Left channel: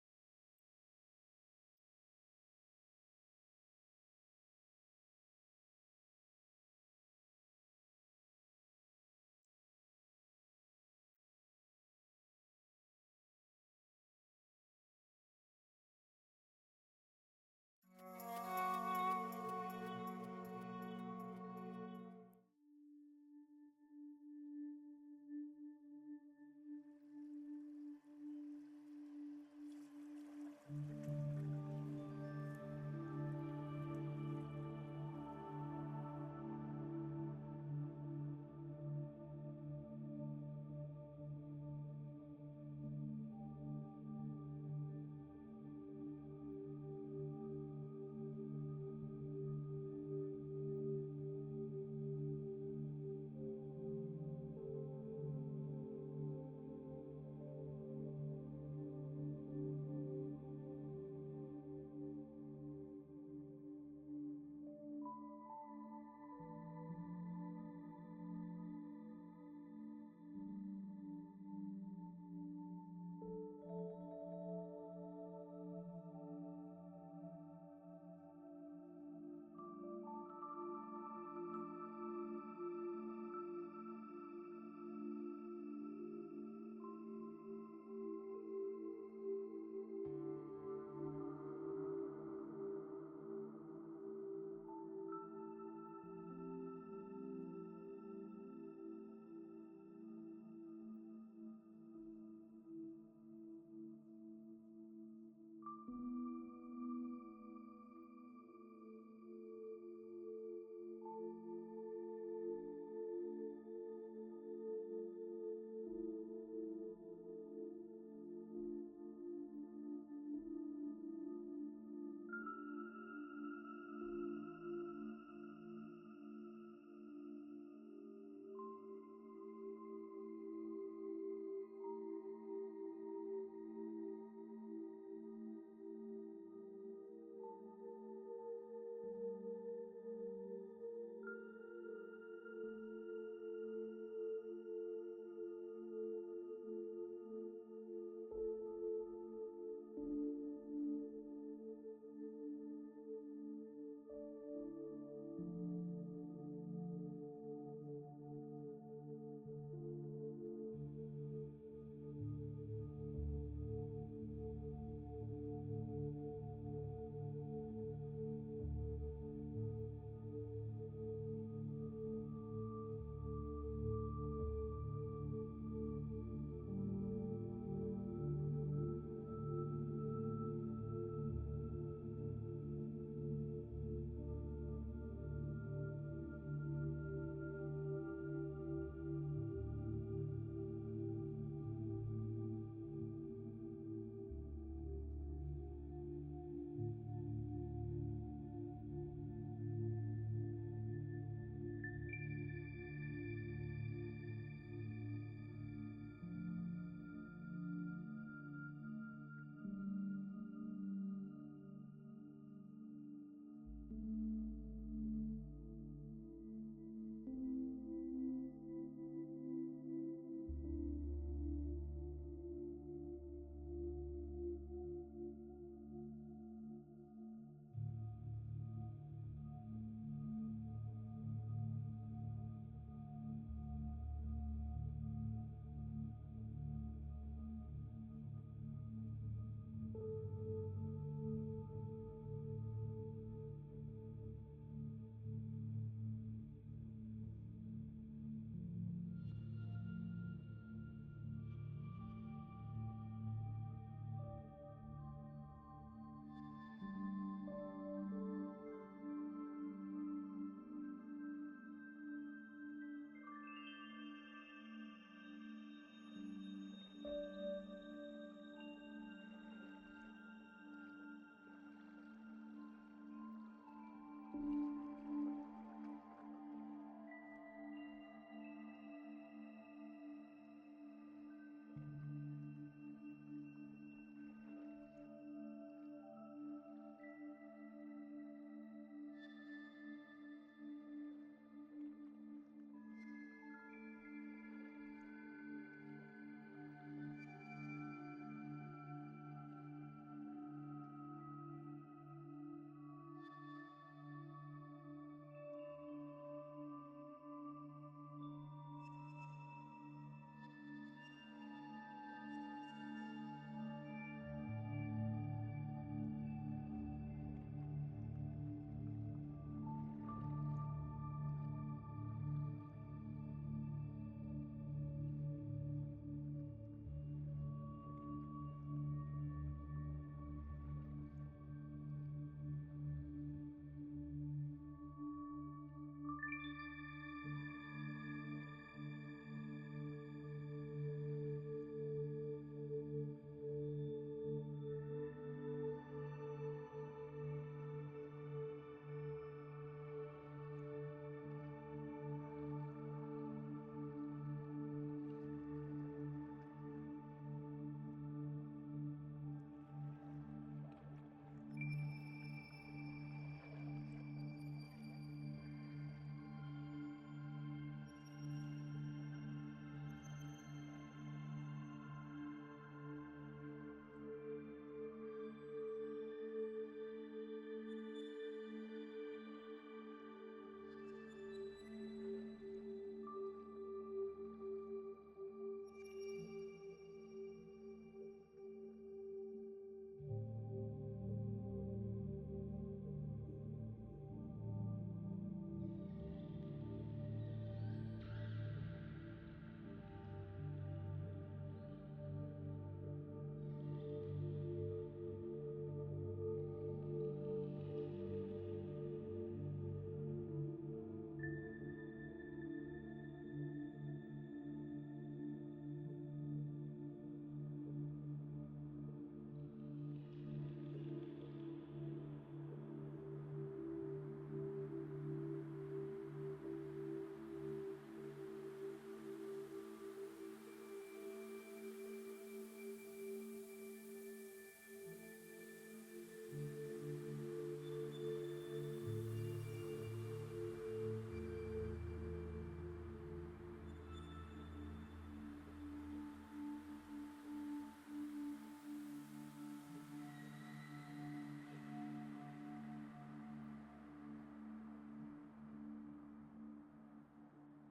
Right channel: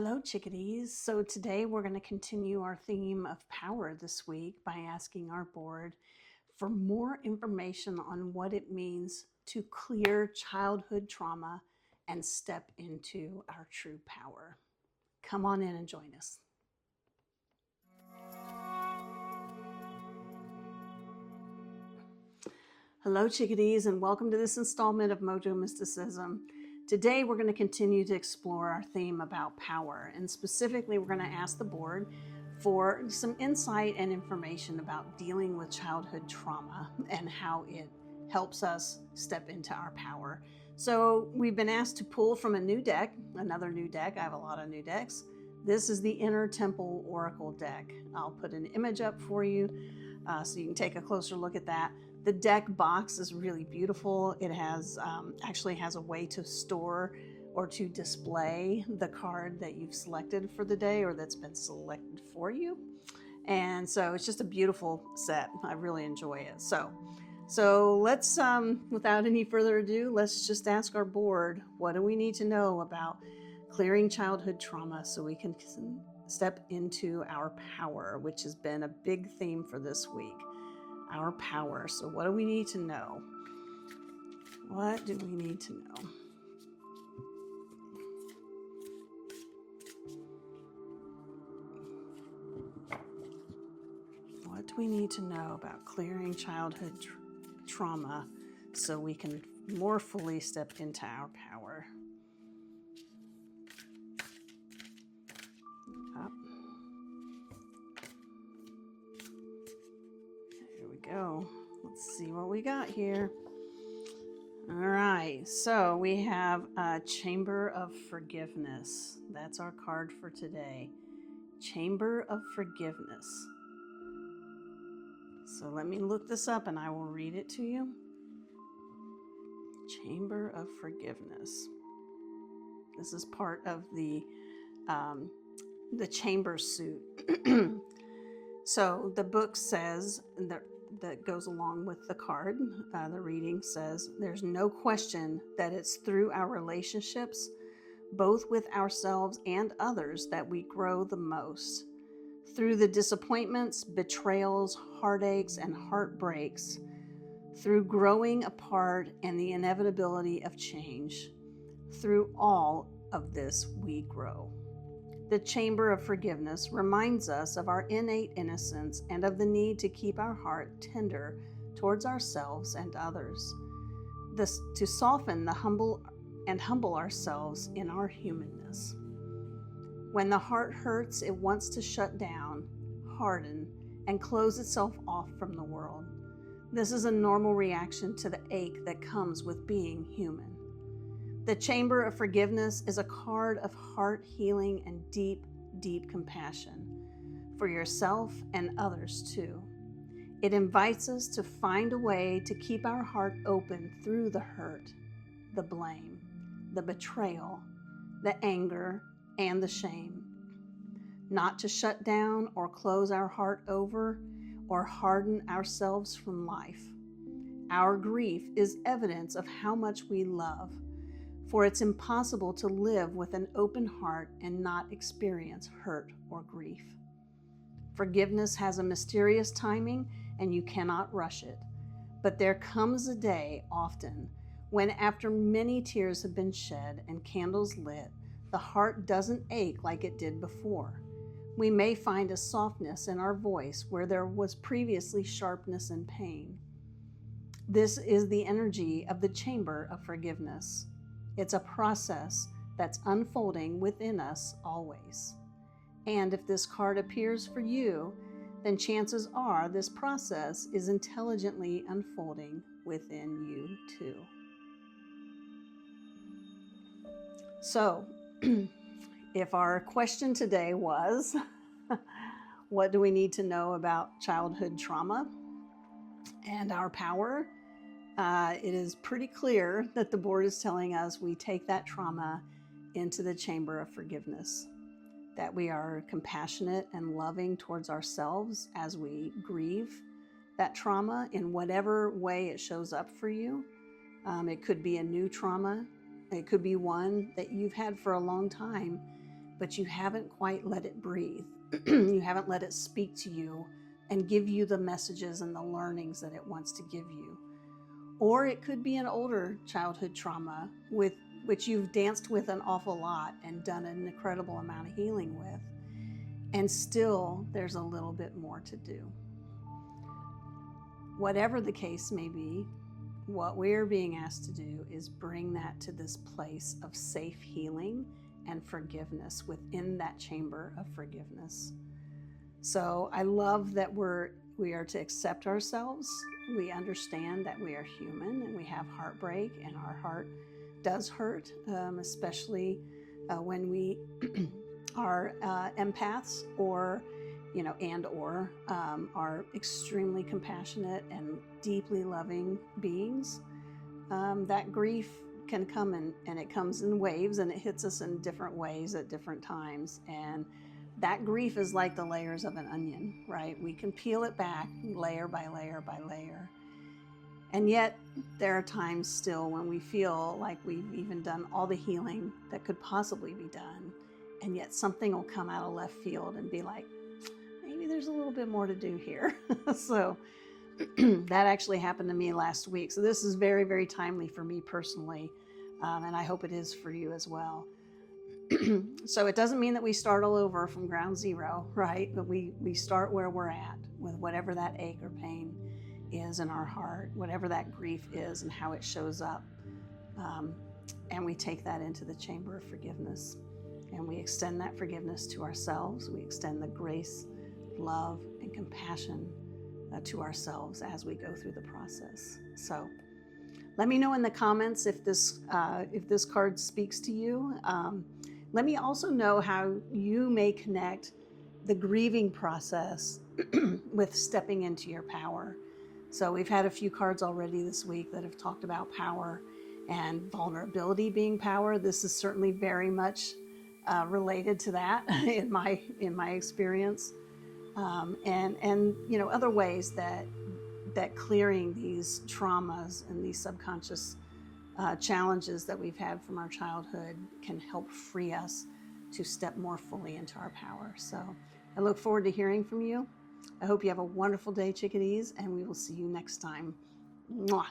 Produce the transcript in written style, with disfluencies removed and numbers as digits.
Hello, chickadees. So today we're going to continue our theme of power this week by asking our board for more information on what it means to clear childhood trauma and step into our true power. Come on in and join us. Hello, chickadees, and welcome to this installment of Mojo Mysticism. Today, we're going to continue to explore our theme about power, and specifically, we're going to ask the board for some insight and information about dealing with childhood trauma and how it helps us step into our power. So, we've been asked to pull from a new deck, another new deck. I have a lot of new decks. This is the Inner Temple Oracle deck. I'll put an image up for you so you can take a closer look at that. The deck box is really beautiful. It has actually has a way to store or to display the card that you've selected for the day or that's been selected for you. And so it's just a beautiful set. I really enjoy it. So let's, without any further ado, let's just ask our board, what do we need to know about clearing childhood trauma so we can step into our power, which has been a big theme for this week. Our power. So what do we need to know? What do we need to know? What do we need to know about clearing childhood trauma so we can more fully step into our power? Up. Here we go. Let's see what we got here. All right, so we have a Chamber of Forgiveness. That's our card for today. Chamber of Forgiveness. So let me look this up and I will read it to you. Chamber of Forgiveness. This is part of the chamber suit. So the book says that goes along with the card. The reading says, there's no question that it's through our relationships, both with ourselves and others, that we grow the most. Through the disappointments, betrayals, heartaches, and heartbreaks, through growing apart and the inevitability of change, through all of this we grow. The Chamber of Forgiveness reminds us of our innate innocence and of the need to keep our heart tender towards ourselves and others, to soften the humble ourselves in our humanness. When the heart hurts, it wants to shut down, harden, and close itself off from the world. This is a normal reaction to the ache that comes with being human. The Chamber of Forgiveness is a card of heart healing and deep, deep compassion for yourself and others too. It invites us to find a way to keep our heart open through the hurt, the blame, the betrayal, the anger, and the shame. Not to shut down or close our heart over or harden ourselves from life. Our grief is evidence of how much we love, for it's impossible to live with an open heart and not experience hurt or grief. Forgiveness has a mysterious timing and you cannot rush it. But there comes a day, often, when after many tears have been shed and candles lit, the heart doesn't ache like it did before. We may find a softness in our voice where there was previously sharpness and pain. This is the energy of the Chamber of Forgiveness. It's a process that's unfolding within us always. And if this card appears for you, then chances are this process is intelligently unfolding within you too. So, if our question today was, what do we need to know about childhood trauma and our power? It is pretty clear that the board is telling us we take that trauma into the Chamber of Forgiveness, that we are compassionate and loving towards ourselves as we grieve that trauma in whatever way it shows up for you. It could be a new trauma. It could be one that you've had for a long time but you haven't quite let it breathe. You haven't let it speak to you and give you the messages and the learnings that it wants to give you. Or it could be an older childhood trauma with which you've danced with an awful lot and done an incredible amount of healing with, and still there's a little bit more to do. Whatever the case may be, what we're being asked to do is bring that to this place of safe healing and forgiveness within that chamber of forgiveness. So I love that we are to accept ourselves. We understand that we are human and we have heartbreak, and our heart does hurt, especially when we are empaths, or are extremely compassionate and deeply loving beings. That grief can come and it comes in waves, and it hits us in different ways at different times. And that grief is like the layers of an onion, right? We can peel it back layer by layer by layer. And yet there are times still when we feel like we've even done all the healing that could possibly be done. And yet something will come out of left field and be like, maybe there's a little bit more to do here. So that actually happened to me last week. So this is very, very timely for me personally. And I hope it is for you as well. So it doesn't mean that we start all over from ground zero, right? But we start where we're at with whatever that ache or pain is in our heart, whatever that grief is and how it shows up. And we take that into the chamber of forgiveness. And we extend that forgiveness to ourselves. We extend the grace, love, and compassion to ourselves as we go through the process. So let me know in the comments if this card speaks to you. Let me also know how you may connect the grieving process with stepping into your power. So we've had a few cards already this week that have talked about power and vulnerability being power. This is certainly very much related to that in my experience, and other ways that clearing these traumas and these subconscious challenges that we've had from our childhood can help free us to step more fully into our power. So I look forward to hearing from you. I hope you have a wonderful day, chickadees, and we will see you next time. Mwah.